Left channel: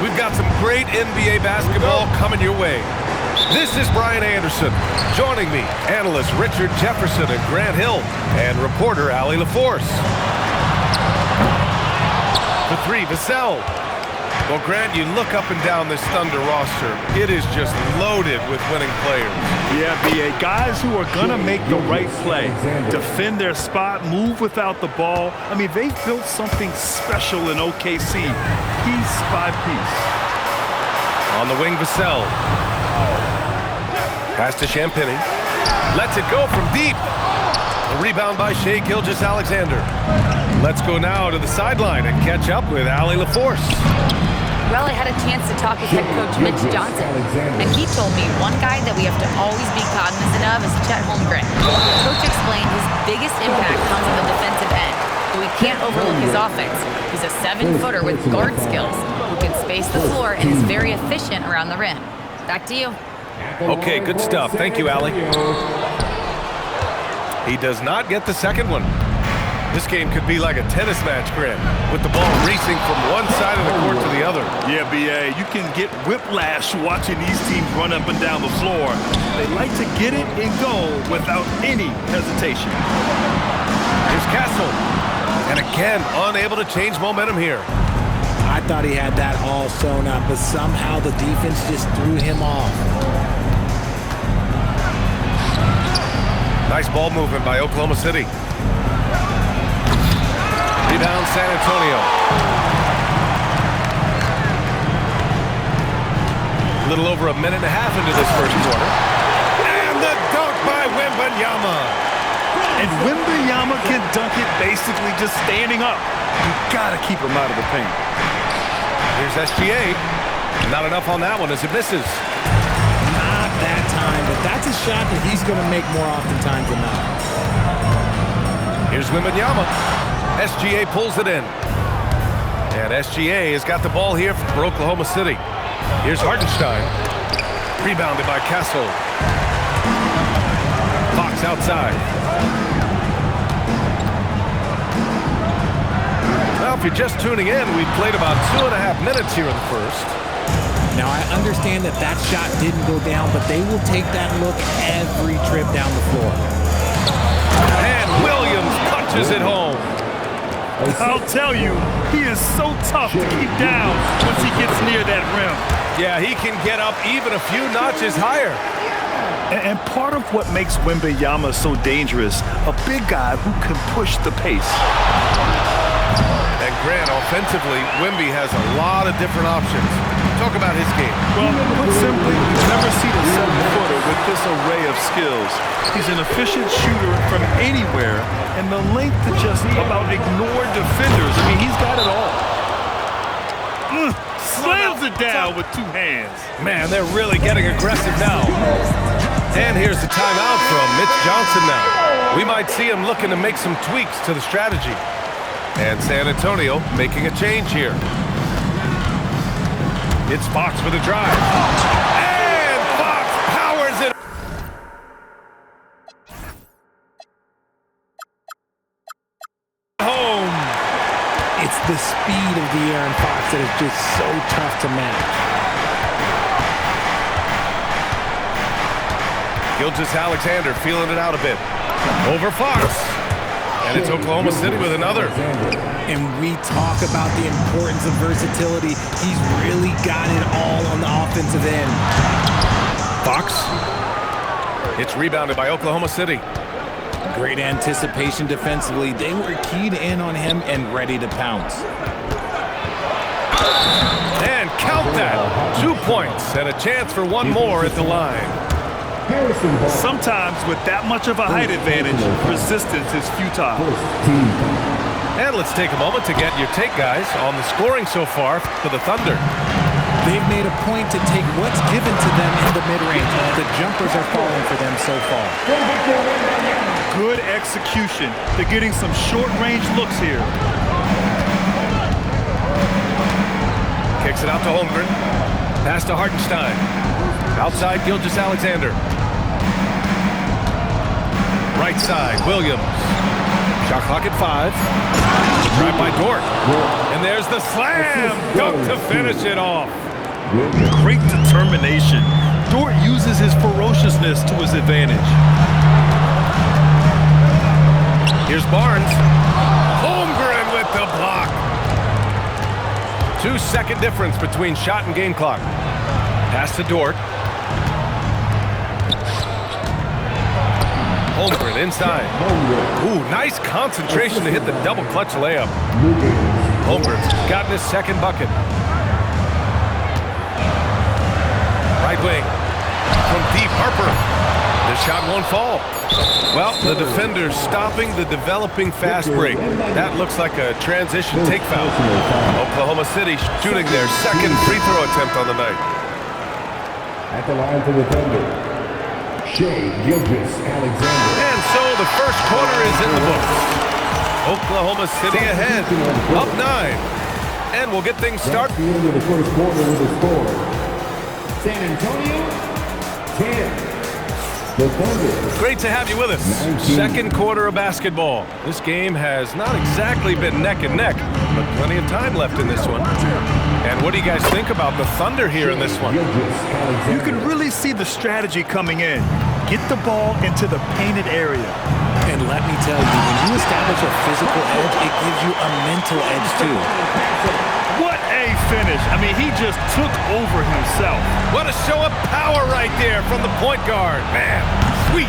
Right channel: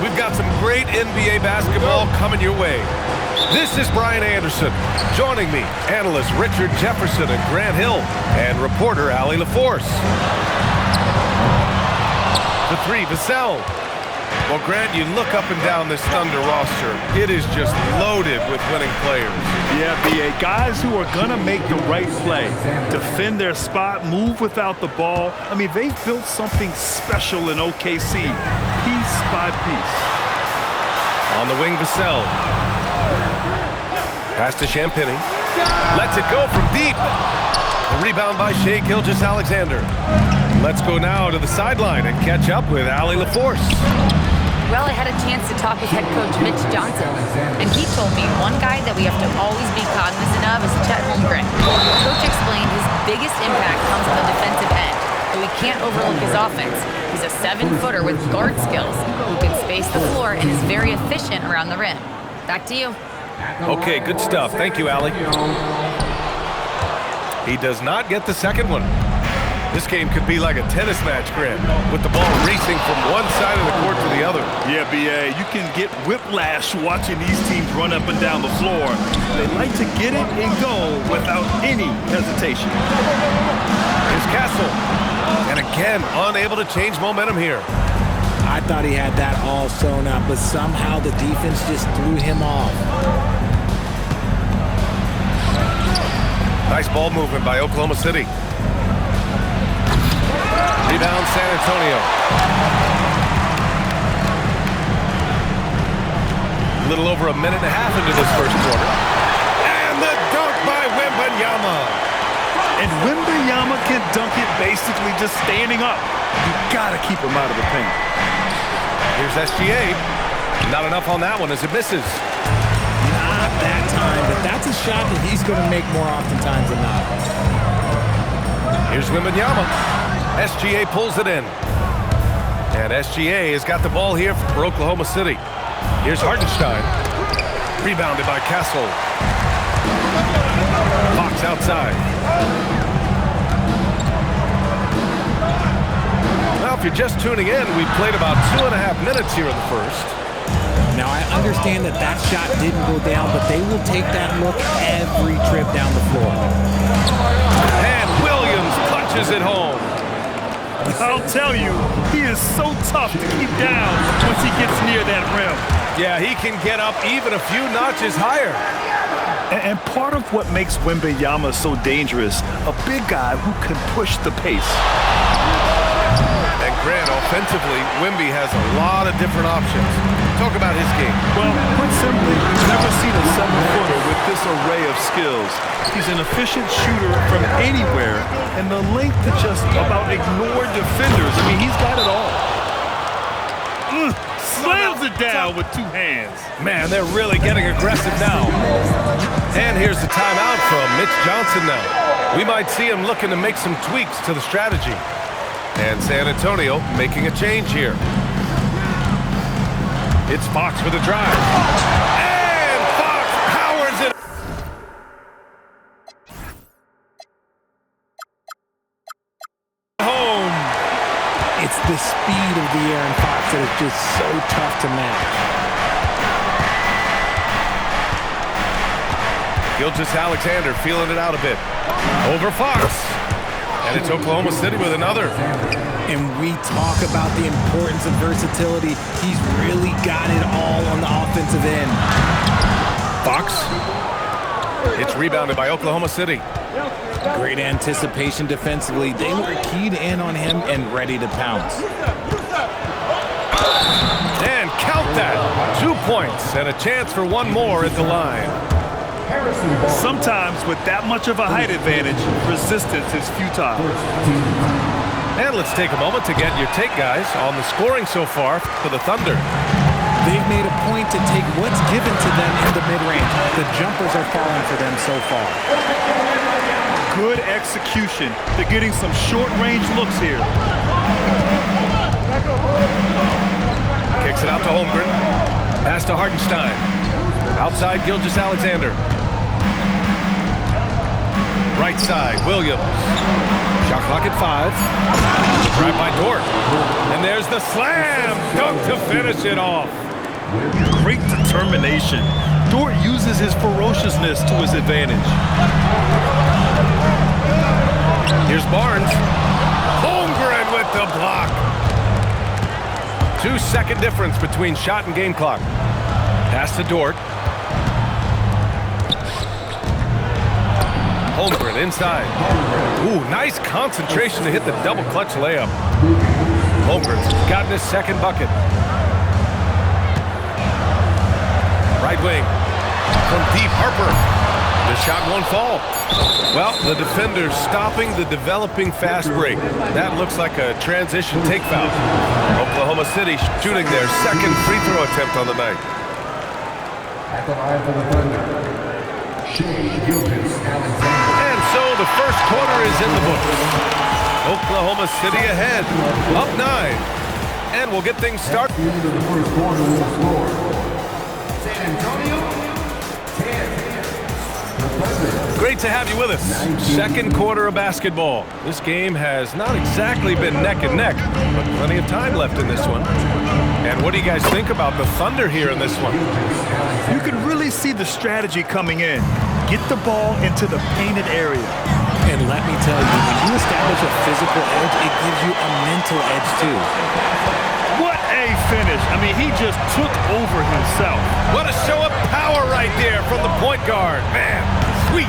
We've got some great NBA basketball coming your way. This is Brian Anderson. Joining me, analysts Richard Jefferson and Grant Hill, and reporter Allie LaForce. For three, Vassell. Well, Grant, you look up and down this Thunder roster. It is just loaded with winning players. Yeah, B.A. Guys who are going to make the right play, defend their spot, move without the ball. I mean, they've built something special in OKC, piece by piece. On the wing, Vassell. Pass to Champagny. Lets it go from deep. A rebound by Shai Gilgeous-Alexander. Let's go now to the sideline and catch up with Allie LaForce. Well, I had a chance to talk with head coach Mitch Johnson, and he told me one guy that we have to always be cognizant of is Chet Holmgren. Coach explained his biggest impact comes on the defensive end, but we can't overlook his offense. He's a 7-footer with guard skills who can space the floor and is very efficient around the rim. Back to you. Okay, good stuff. Thank you, Allie. He does not get the second one. This game could be like a tennis match, Grant, with the ball racing from one side of the court to the other. Yeah, B.A., you can get whiplash watching these teams run up and down the floor. They like to get it and go without any hesitation. Here's Castle. And again, unable to change momentum here. I thought he had that all sewn up, but somehow the defense just threw him off. Nice ball movement by Oklahoma City. Rebound San Antonio. A little over a minute and a half into this first quarter. And the dunk by Wembanyama. And Wembanyama can dunk it basically just standing up. You gotta keep him out of the paint. Here's SGA. Not enough on that one as it misses. Not that time, but that's a shot that he's going to make more oftentimes than not. Here's Wembanyama. SGA pulls it in. And SGA has got the ball here for Oklahoma City. Here's Hartenstein. Rebounded by Castle. Fox outside. Well, if you're just tuning in, we've played about 2.5 minutes here in the first. Now, I understand that that shot didn't go down, but they will take that look every trip down the floor. And Williams punches it home. I'll tell you, he is so tough to keep down once he gets near that rim. Yeah, he can get up even a few notches higher. And part of what makes Wembanyama so dangerous, a big guy who can push the pace. And Grant, offensively, Wemby has a lot of different options. Talk about his game. Well, put simply, we've never seen a 7-footer with this array of skills. He's an efficient shooter from anywhere, and the length to just about ignore defenders. I mean, he's got it all. Slams it down with two hands. Man, they're really getting aggressive now. And here's the timeout from Mitch Johnson now. We might see him looking to make some tweaks to the strategy. And San Antonio making a change here. It's Fox with a drive. And Fox powers it. Home. It's the speed of the Aaron Fox that is just so tough to match. Gilgeous-Alexander feeling it out a bit. Over Fox. And it's Oklahoma City with another. And we talk about the importance of versatility. He's really got it all on the offensive end. Fox. It's rebounded by Oklahoma City. Great anticipation defensively. They were keyed in on him and ready to pounce. And count that. 2 points and a chance for one more at the line. Sometimes with that much of a height advantage, resistance is futile. And let's take a moment to get your take, guys, on the scoring so far for the Thunder. They've made a point to take what's given to them in the mid-range. The jumpers are falling for them so far. Good execution. They're getting some short-range looks here. Kicks it out to Holmgren. Pass to Hartenstein. Outside, Gilgeous-Alexander. Right side, Williams. Shot clock at 5. Drive by Dort. And there's the slam dunk to finish it off. Great determination. Dort uses his ferociousness to his advantage. Here's Barnes. Holmgren with the block. 2-second difference between shot and game clock. Pass to Dort. Holmgren inside. Ooh, nice concentration to hit the double clutch layup. Holmgren's gotten his second bucket. Right wing from deep, Harper. The shot won't fall. Well, the defender's stopping the developing fast break. That looks like a transition take foul. Oklahoma City shooting their second free throw attempt on the night. At the line for the Thunder, Shea Gilgeous-Alexander. And so the first quarter is in the books. Oklahoma City ahead, up 9. And we'll get things started. The end of the first quarter with a score. San Antonio, 10. The Thunder. Great to have you with us. 19. Second quarter of basketball. This game has not exactly been neck and neck, but plenty of time left in this one. And what do you guys think about the Thunder here in this one? You can really see the strategy coming in. Get the ball into the painted area. And let me tell you, when you establish a physical edge, it gives you a mental edge too. What a finish. I mean, he just took over himself. What a show of power right there from the point guard. Man, sweet.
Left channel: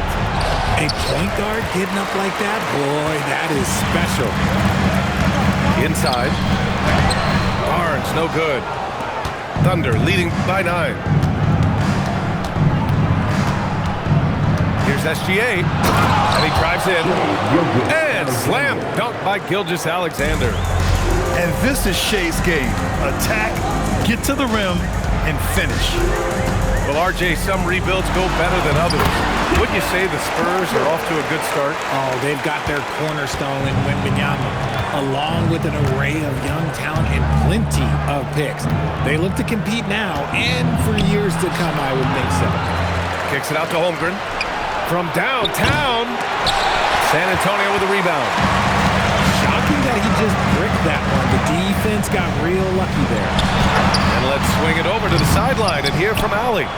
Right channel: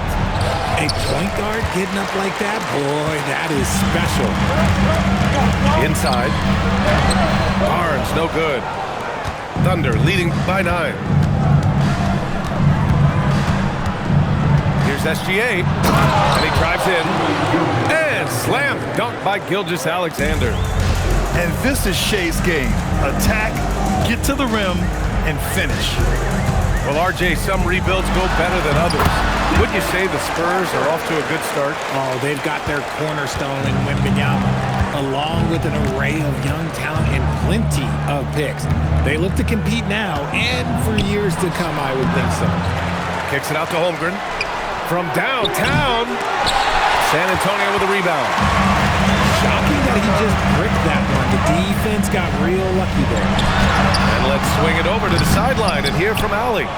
A point guard getting up like that, boy, that is special. Inside. Barnes, no good. Thunder leading by 9. Here's SGA. And he drives in. And slam dunk by Gilgeous-Alexander. And this is Shea's game. Attack, get to the rim, and finish. Well, RJ, some rebuilds go better than others. Wouldn't you say the Spurs are off to a good start? Oh, they've got their cornerstone in Wembanyama, along with an array of young talent and plenty of picks. They look to compete now and for years to come, I would think so. Kicks it out to Holmgren. From downtown, San Antonio with a rebound. Shocking that he just bricked that one. The defense got real lucky there. And let's swing it over to the sideline and hear from Allie.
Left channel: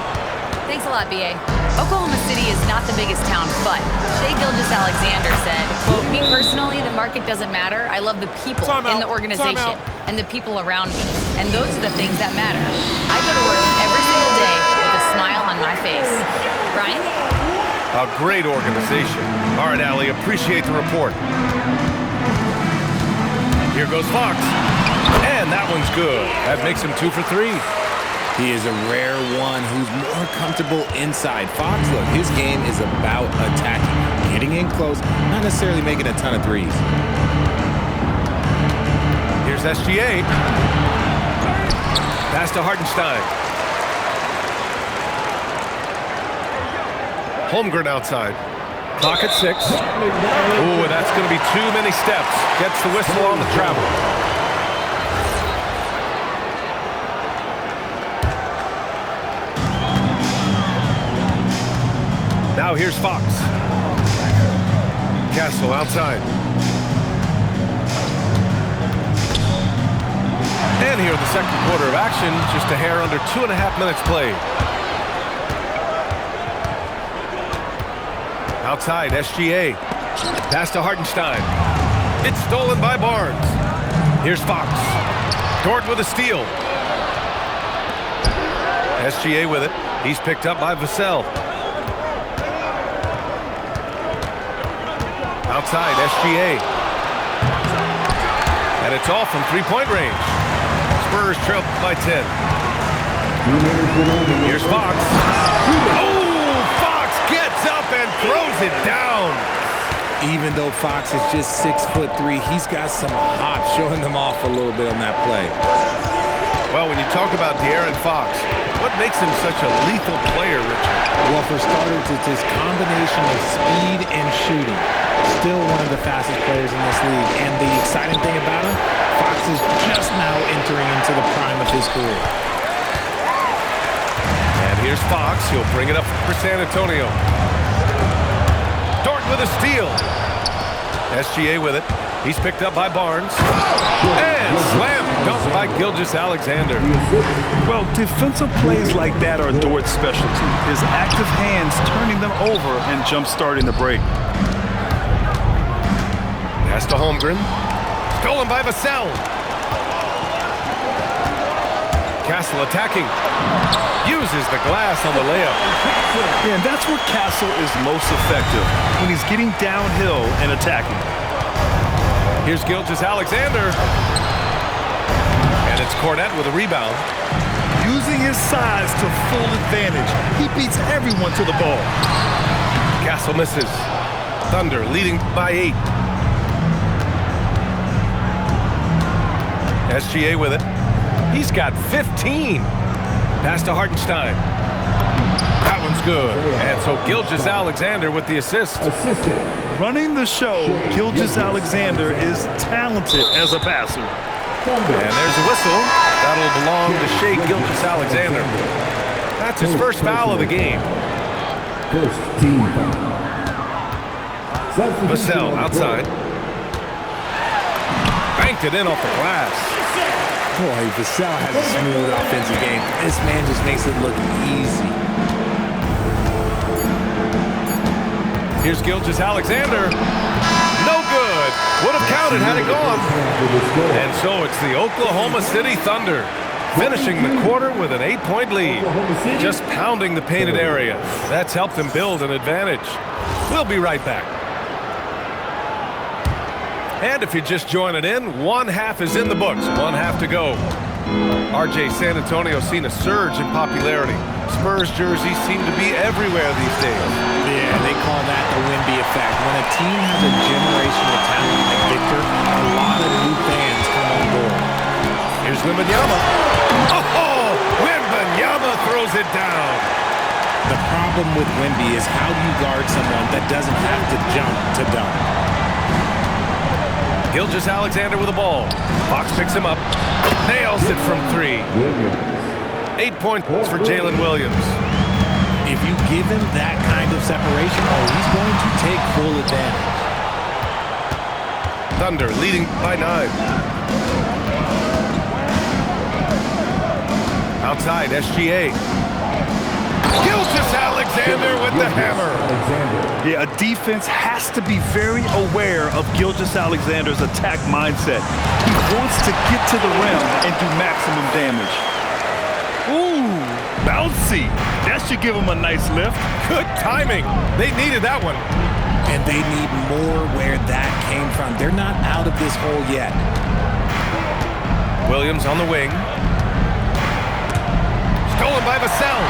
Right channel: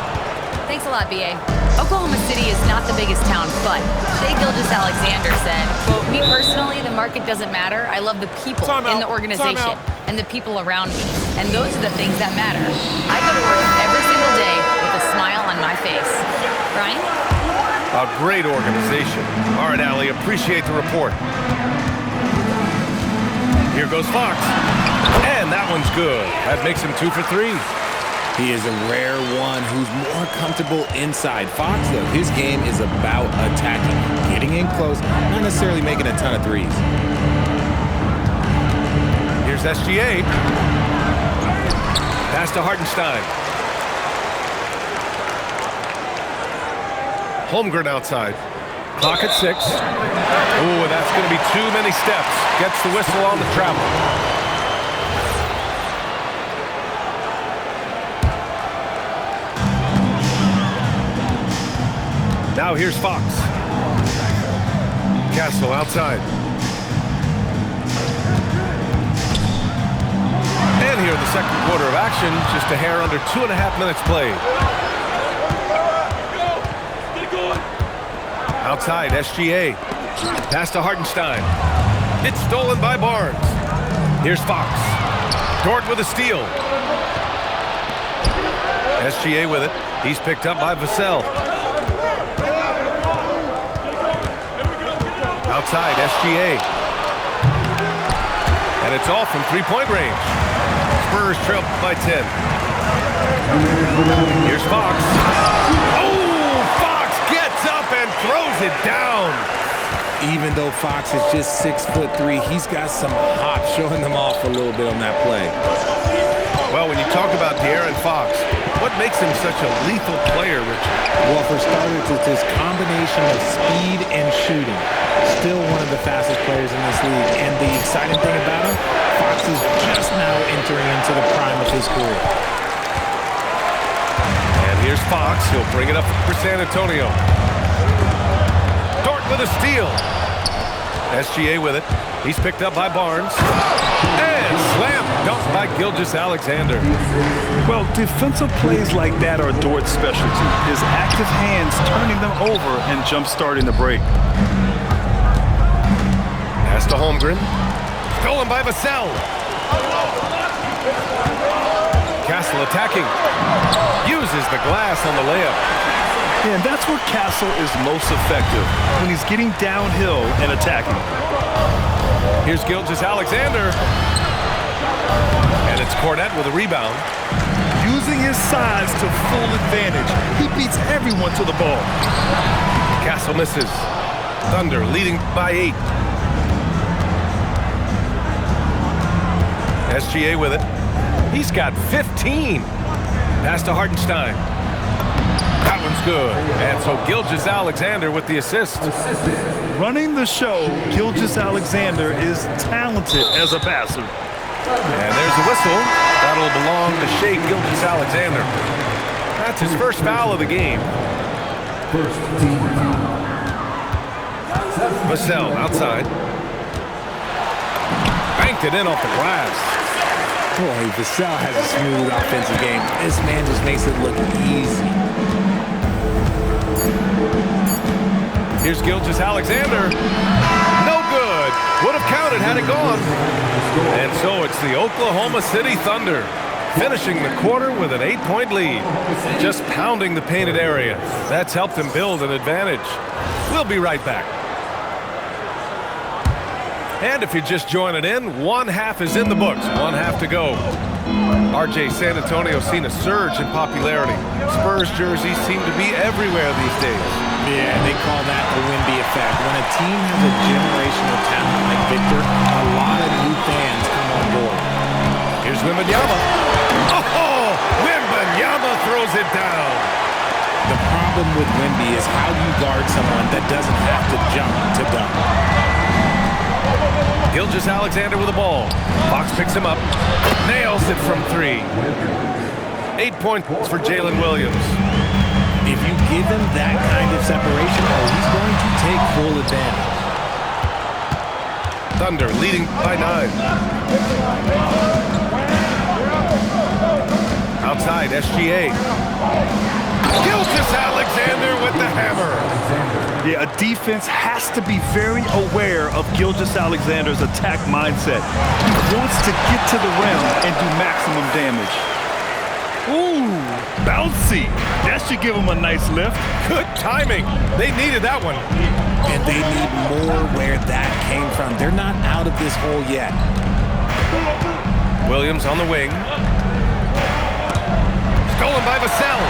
Thanks a lot, B.A. Oklahoma City is not the biggest town, but Shea Gilgeous-Alexander said, quote, "Me personally, the market doesn't matter. I love the people in the organization and the people around me. And those are the things that matter. I go to work every single day with a smile on my face." Brian? A great organization. All right, Allie, appreciate the report. Here goes Fox. And that one's good. That makes him 2 for 3. He is a rare one who's more comfortable inside. Fox, look, his game is about attacking, getting in close, not necessarily making a ton of threes. Here's SGA. Pass to Hartenstein. Holmgren outside. Clock at 6. Ooh, that's going to be too many steps. Gets the whistle on the travel. Now here's Fox. Castle outside. And here in the second quarter of action, just a hair under 2.5 minutes played. Outside, SGA. Pass to Hartenstein. It's stolen by Barnes. Here's Fox. Dort with a steal. SGA with it. He's picked up by Vassell. Outside, SGA. And it's off from three-point range. Spurs trail by 10. Here's Fox. Oh, Fox gets up and throws it down. Even though Fox is just 6'3", he's got some hop, showing them off a little bit on that play. Well, when you talk about De'Aaron Fox, what makes him such a lethal player, Richard? Well, for starters, it's his combination of speed and shooting. Still one of the fastest players in this league. And the exciting thing about him, Fox is just now entering into the prime of his career. And here's Fox. He'll bring it up for San Antonio. Dort with a steal. SGA with it. He's picked up by Barnes. And slam dunk by Gilgeous-Alexander. Well, defensive plays like that are Dort's specialty. His active hands turning them over and jump-starting the break. Pass to Holmgren. Stolen by Vassell. Castle attacking. Uses the glass on the layup. Yeah, and that's where Castle is most effective, when he's getting downhill and attacking. Here's Gilgeous-Alexander. And it's Cornette with a rebound. Using his size to full advantage, he beats everyone to the ball. Castle misses. Thunder leading by 8. SGA with it. He's got 15. Pass to Hartenstein. That one's good. And so Gilgeous-Alexander with the assist. Running the show, Gilgeous-Alexander is talented as a passer. And there's a whistle. That'll belong to Shai Gilgeous-Alexander. That's his first foul of the game. First team foul. Vassell outside. Banked it in off the glass. Boy, Vassell has a smooth offensive game. This man just makes it look easy. Here's Gilgeous-Alexander. No good. Would have counted had it gone. And so it's the Oklahoma City Thunder finishing the quarter with an 8-point lead. Just pounding the painted area. That's helped them build an advantage. We'll be right back. And if you're just joining in, one half is in the books, one half to go. RJ, San Antonio's seen a surge in popularity. Spurs jerseys seem to be everywhere these days. Yeah, they call that the Wemby effect. When a team has a generational talent like Victor, a lot of new fans come on board. Here's Wembanyama. Oh, Wembanyama throws it down. The problem with Wemby is how do you guard someone that doesn't have to jump to dunk? Gilgeous-Alexander with the ball. Fox picks him up. Nails it from 3. 8 points for Jalen Williams. If you give him that kind of separation, he's going to take full advantage. Thunder leading by 9. Outside, SGA. Gilgeous-Alexander with the hammer. Yeah, a defense has to be very aware of Gilgeous-Alexander's attack mindset. He wants to get to the rim and do maximum damage. Ooh, bouncy. That should give him a nice lift. Good timing. They needed that one. And they need more where that came from. They're not out of this hole yet. Williams on the wing. Stolen by Vassell.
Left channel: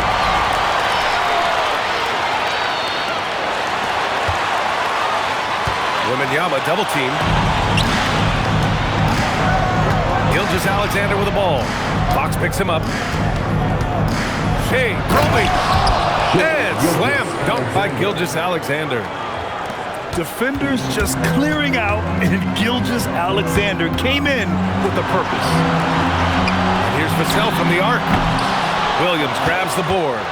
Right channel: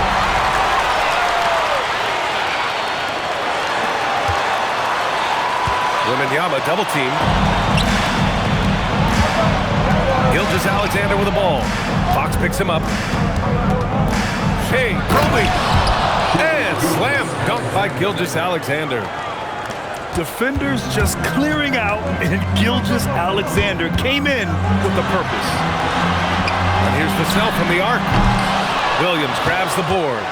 Wembanyama double team. Gilgeous-Alexander with the ball. Fox picks him up. Shai probing. And slam dunk by Gilgeous-Alexander. Defenders just clearing out, and Gilgeous-Alexander came in with a purpose. And here's Vassell from the arc. Williams grabs the board.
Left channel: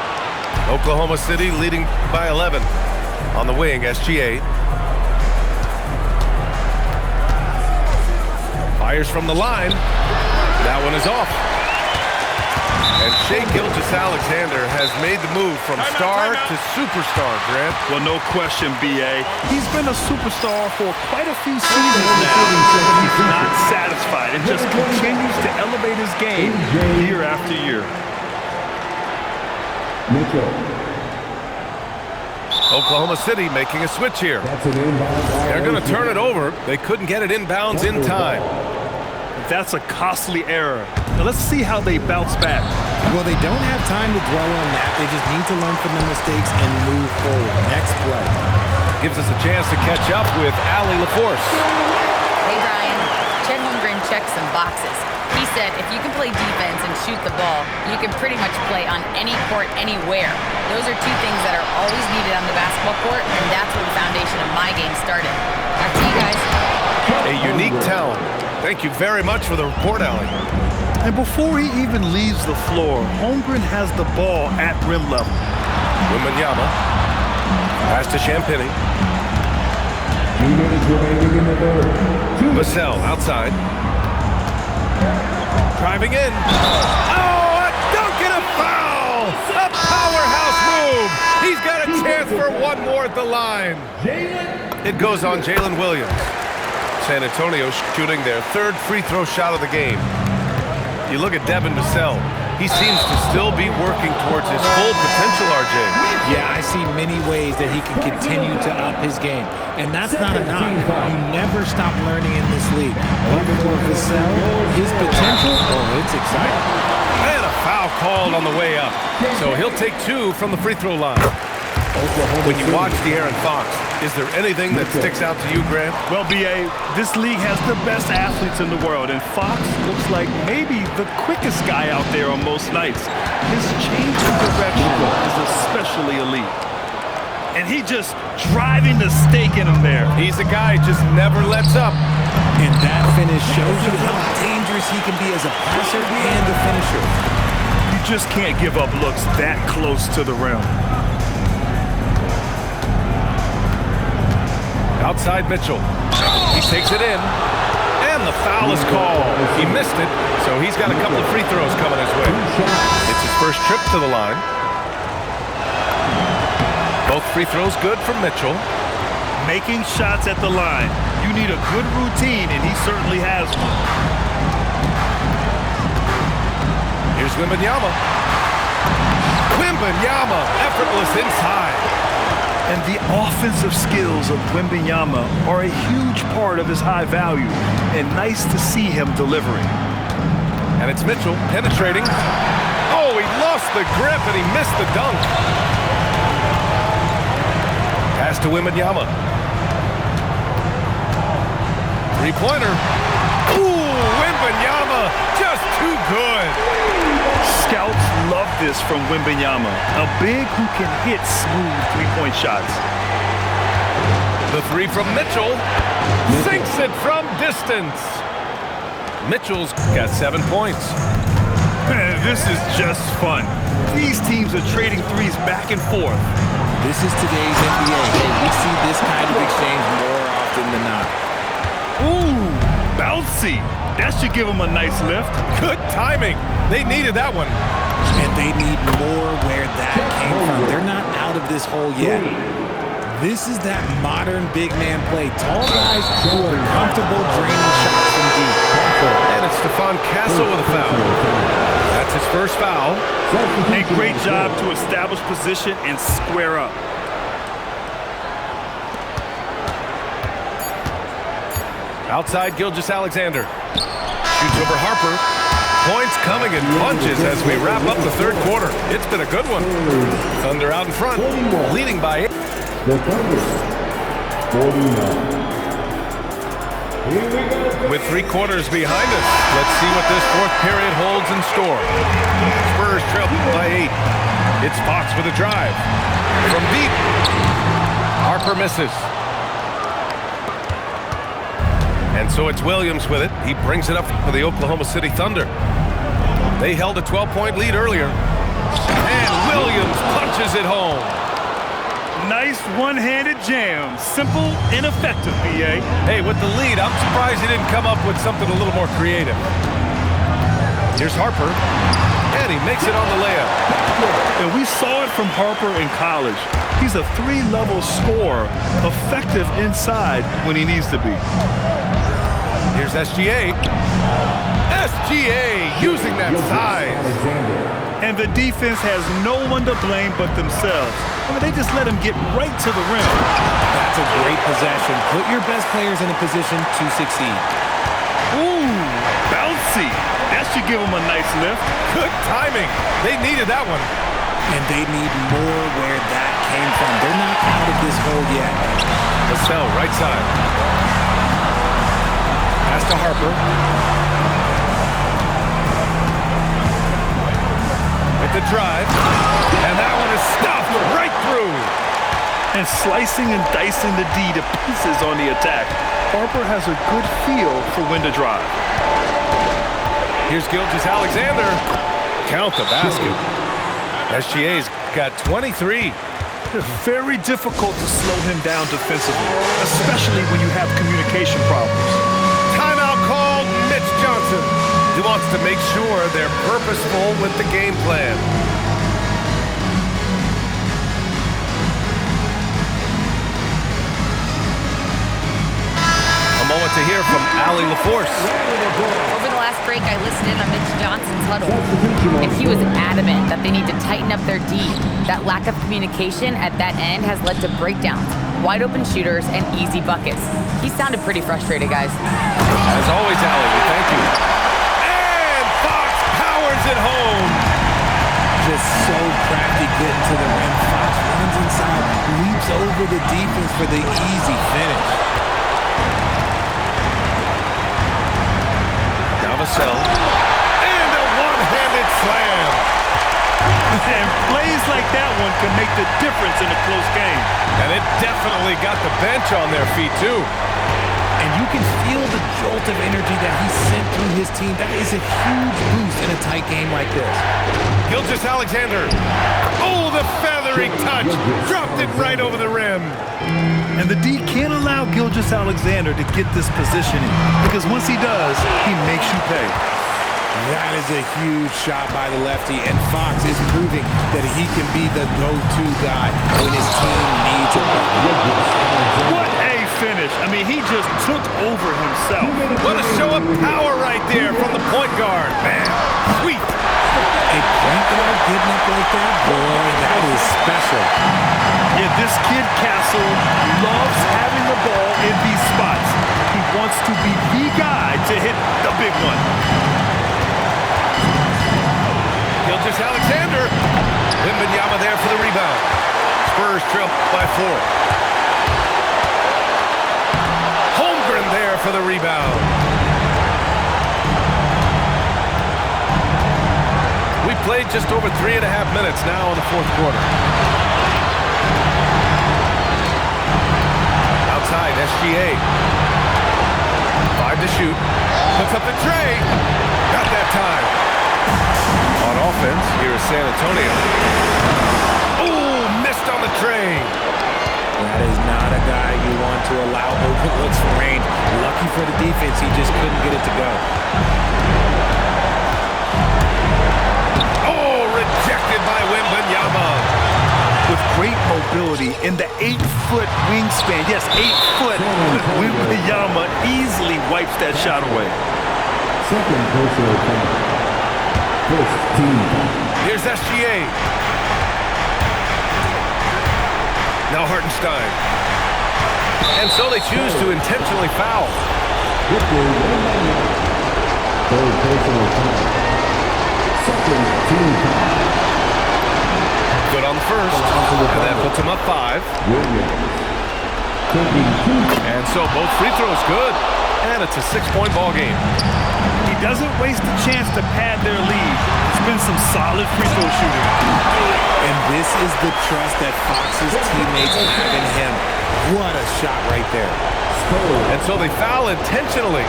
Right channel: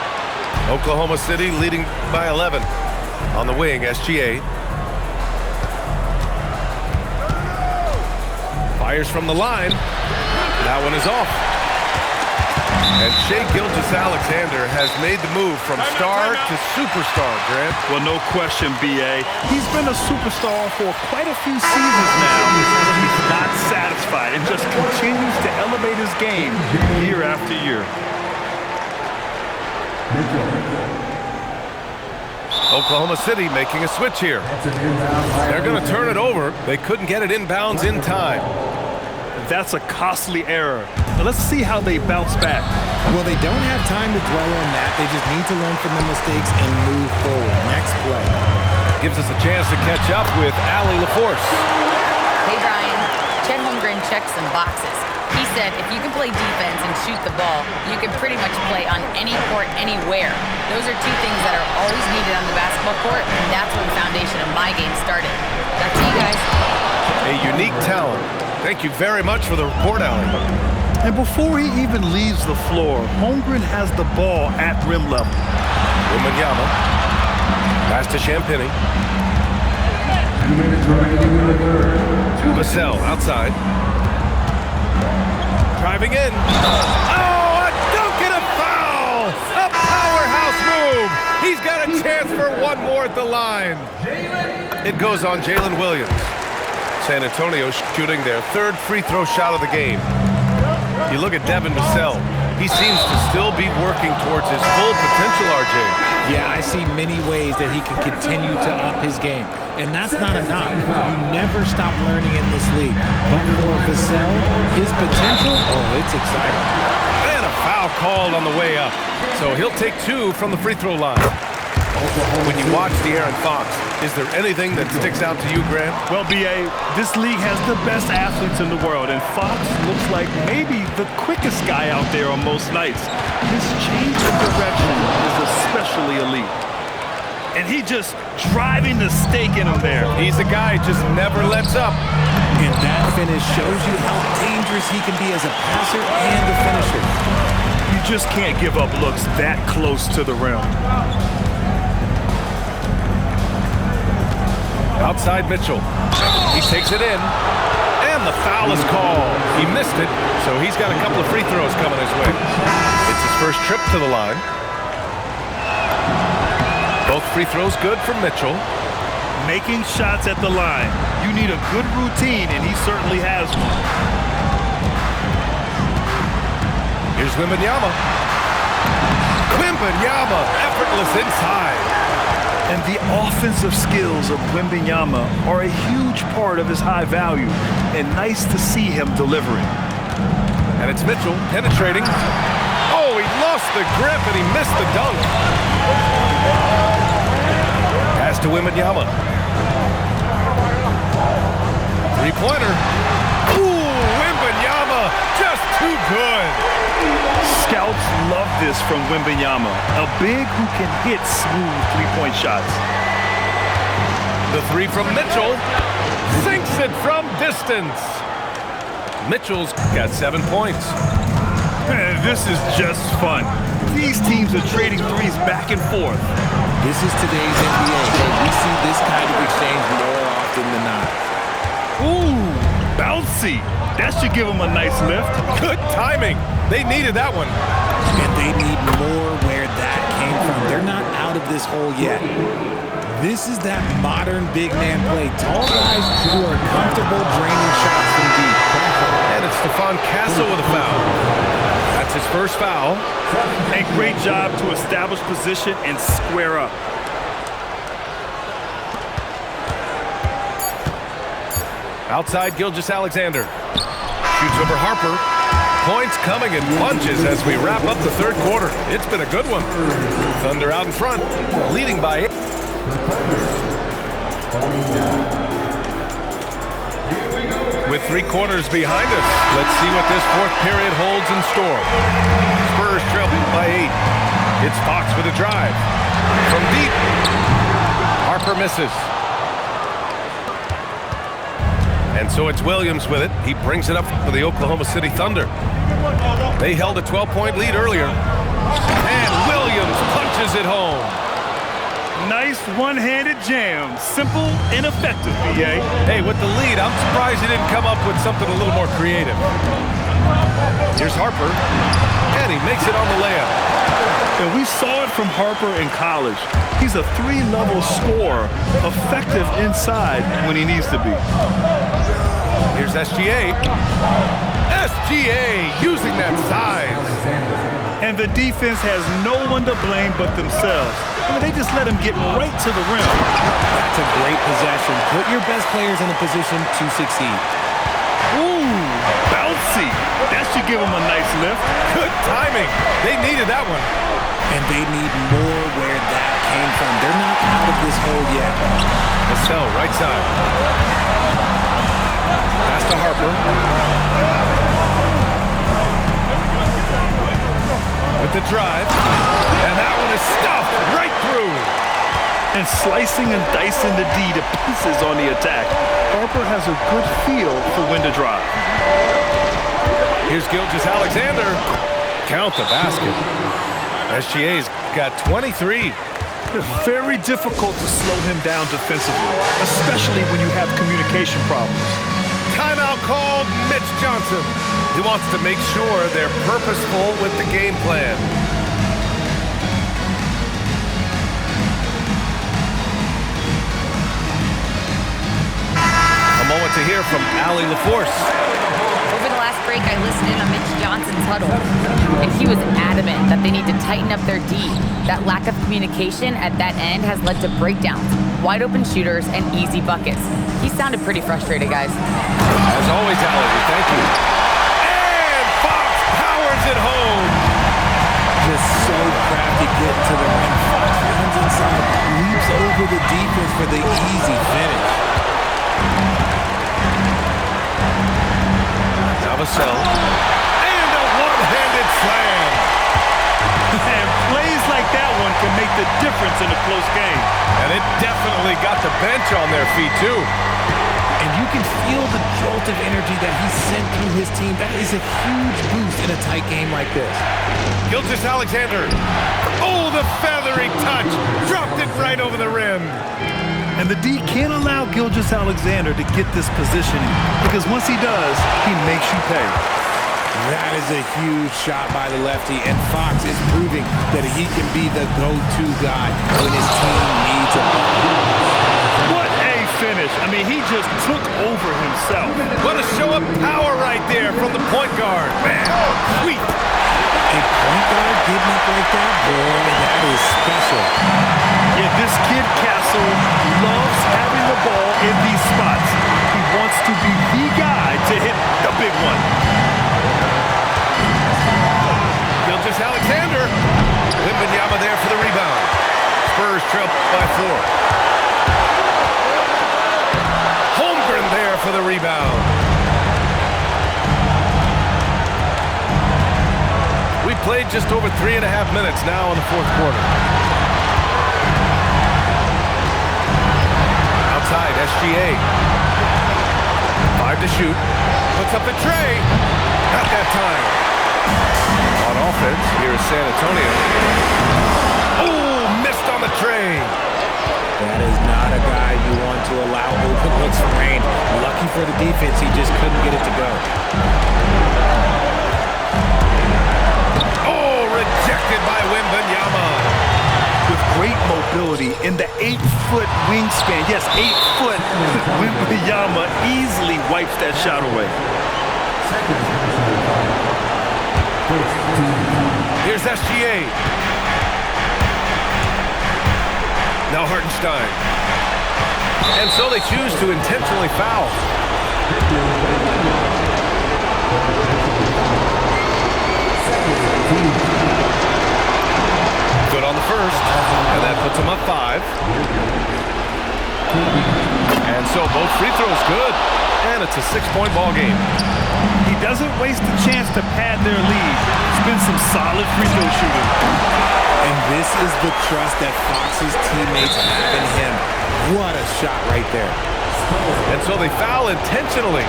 Oklahoma City leading by 11. On the wing, SGA. Fires from the line. That one is off. And Shai Gilgeous-Alexander has made the move from star to superstar, Grant. Well, no question, B.A. He's been a superstar for quite a few seasons now, but he's not satisfied and just continues to elevate his game year after year. Mitchell. Oklahoma City making a switch here. That's an inbound. They're going to turn it over. They couldn't get it inbounds in time. That's a costly error. Now let's see how they bounce back. Well, they don't have time to dwell on that. They just need to learn from the mistakes and move forward. Next play. Gives us a chance to catch up with Allie LaForce. Hey, Brian. Chet Holmgren checked some boxes. He said if you can play defense and shoot the ball, you can pretty much play on any court, anywhere. Those are two things that are always needed on the basketball court, and that's where the foundation of my game started. Back to you guys. A unique talent. Thank you very much for the report, Allie. And before he even leaves the floor, Holmgren has the ball at rim level. Wembanyama. Pass to Champagny. 2 minutes remaining in the third. Vassell outside. Driving in. Oh, a dunk and a foul! A powerhouse move! He's got a chance for one more at the line. It goes on Jalen Williams. San Antonio shooting their third free throw shot of the game. You look at Devin Vassell. He seems to still be working towards his full potential, RJ. Yeah, I see many ways that he can continue to up his game. And that's not a knock. You never stop learning in this league. But for Vassell, his potential, oh, it's exciting. And a foul called on the way up. So he'll take two from the free throw line. When you watch De'Aaron Fox, is there anything that sticks out to you, Grant? Well, B.A., this league has the best athletes in the world, and Fox looks like maybe the quickest guy out there on most nights. His change of direction is especially elite. And he just driving the stake in him there. He's a guy who just never lets up. And that finish shows you how dangerous he can be as a passer and a finisher. You just can't give up looks that close to the rim. Outside Mitchell. He takes it in. And the foul is called. He missed it, so he's got a couple of free throws coming his way. It's his first trip to the line. Both free throws good from Mitchell. Making shots at the line. You need a good routine, and he certainly has one. Here's Wembanyama. Wembanyama, effortless inside. And the offensive skills of Wembanyama are a huge part of his high value, and nice to see him delivering. And it's Mitchell penetrating. Oh, he lost the grip and he missed the dunk. Pass to Wembanyama. Three-pointer. Ooh, Wembanyama, just too good. Scouts love this from Wembanyama, a big who can hit smooth three-point shots. The three from Mitchell. Sinks it from distance. Mitchell's got 7 points. Man, this is just fun. These teams are trading threes back and forth. This is today's NBA. Hey, we see this kind of exchange more often than not. Ooh, bouncy. That should give him a nice lift. Good timing. They needed that one. And they need more where that came from. They're not out of this hole yet. This is that modern big man play. Tall guys who are comfortable draining shots from deep. And it's Stephon Castle with a foul. That's his first foul. A great job to establish position and square up. Outside Gilgeous-Alexander. Shoots over Harper. Points coming in bunches as we wrap up the third quarter. It's been a good one. Thunder out in front, leading by 8. The Thunder, 49. Here we go. With 3 quarters behind us, let's see what this fourth period holds in store. Spurs trail by 8. It's Fox with a drive. From deep. Harper misses. And so it's Williams with it. He brings it up for the Oklahoma City Thunder. They held a 12-point lead earlier. And Williams punches it home. Nice one-handed jam. Simple and effective, B.A. Hey, with the lead, I'm surprised he didn't come up with something a little more creative. Here's Harper. And he makes it on the layup. And we saw it from Harper in college. He's a 3-level scorer, effective inside when he needs to be. Here's SGA. SGA using that size. And the defense has no one to blame but themselves. I mean, they just let him get right to the rim. That's a great possession. Put your best players in a position to succeed. Ooh, bouncy. That should give him a nice lift. Good timing. They needed that one. And they need more where that came from. They're not out of this hole yet. Vassell, right side. Pass to Harper. With the drive. And that one is stuffed right through. And slicing and dicing the D to pieces on the attack. Harper has a good feel for when to drive. Here's Gilgeous-Alexander. Count the basket. SGA's got 23. Very difficult to slow him down defensively, especially when you have communication problems. Johnson. He wants to make sure they're purposeful with the game plan. A moment to hear from Allie LaForce. Over the last break, I listened in on Mitch Johnson's huddle, and he was adamant that they need to tighten up their D. That lack of communication at that end has led to breakdowns, wide open shooters, and easy buckets. He sounded pretty frustrated, guys. As always, Allie, we thank you. And Fox powers it home. Just so crafty getting to the rim. Fox runs inside, leaps over the defense for the easy finish. Vassell, and a one-handed slam. And plays like that one can make the difference in a close game. And it definitely got the bench on their feet, too. And you can feel the jolt of energy that he sent through his team. That is a huge boost in a tight game like this. Gilgeous-Alexander. Oh, the feathery touch. Dropped it right over the rim. And the D can't allow Gilgeous-Alexander to get this positioning, because once he does, he makes you pay. That is a huge shot by the lefty, and Fox is proving that he can be the go-to guy when his team needs a bucket. What a finish. I mean, he just took over himself. What a show of power right there from the point guard. Man, sweet. A point guard getting up like that? Boy, that is special. Yeah, this kid, Castle, loves having the ball in these spots. He wants to be the guy to hit the big one. Gilgeous-Alexander. Wembanyama there for the rebound. Spurs trail by 4. Holmgren there for the rebound. We played just over 3.5 minutes now in the fourth quarter. Outside, SGA. 5 to shoot. Puts up the tray. Got that time. On offense, here is San Antonio. Oh, missed on the tray. That is not a guy you want to allow open looks from range. Lucky for the defense, he just couldn't get it to go. Oh, rejected by Wembanyama. With great mobility in the 8-foot wingspan. Yes, 8 foot. Wembanyama easily wipes that shot away. Second personal foul. First team foul. Here's SGA. Now Hartenstein. And so they choose to intentionally foul. Third personal foul. Second team foul. Good on the first, and that puts them up 5. And so both free throws good, and it's a 6-point ball game. He doesn't waste a chance to pad their lead. It's been some solid free throw shooting. And this is the trust that Fox's teammates have in him. What a shot right there. And so they foul intentionally.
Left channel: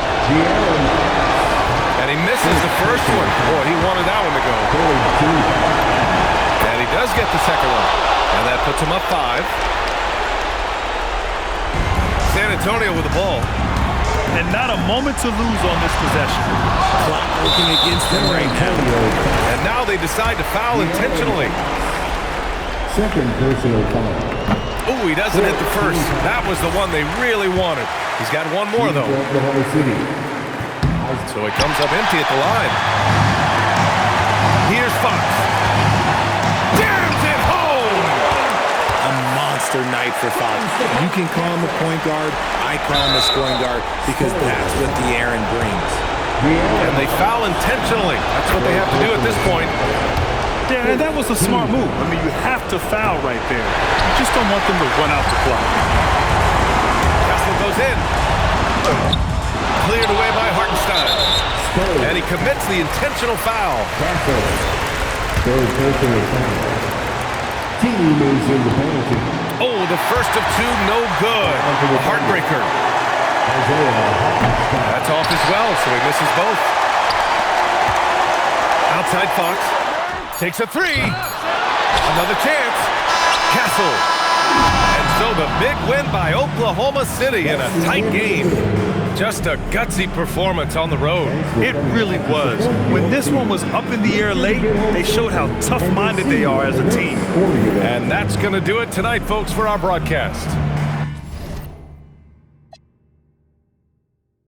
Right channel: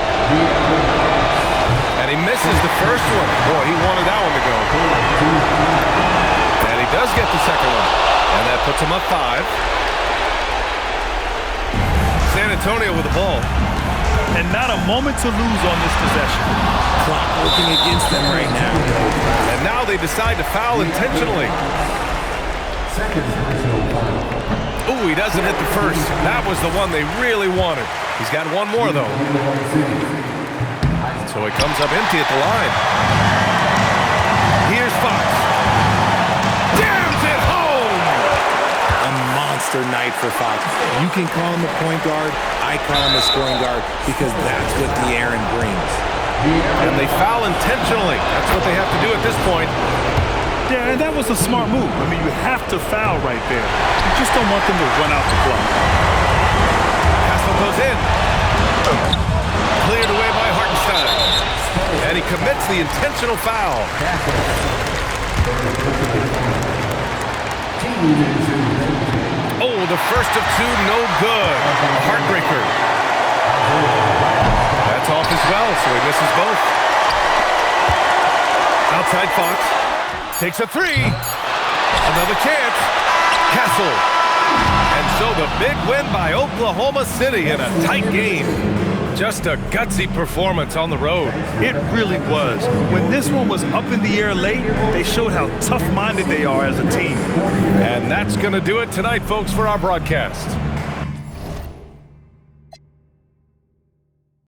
And he misses the first one. Boy, he wanted that one to go. And he does get the second one. And that puts him up 5. San Antonio with the ball. And not a moment to lose on this possession. Clock working against them right now. And now they decide to foul intentionally. Second personal foul. Ooh, he doesn't hit the first. That was the one they really wanted. He's got one more, though. So he comes up empty at the line. Here's Fox. Jams it home! A monster night for Fox. You can call him a point guard. I call him a scoring guard because that's what De'Aaron brings. And they foul intentionally. That's what they have to do at this point. Yeah, and that was a smart move. I mean, you have to foul right there. You just don't want them to run out the clock. Castle goes in. Cleared away by Hartenstein. And he commits the intentional foul. Third personal foul. Team is in the penalty. Oh, the first of 2, no good. A heartbreaker. That's off as well, so he misses both. Outside Fox. Takes a 3. Another chance. Castle. And so the big win by Oklahoma City in a tight game. Just a gutsy performance on the road. It really was. When this one was up in the air late, they showed how tough-minded they are as a team. And that's going to do it tonight, folks, for our broadcast.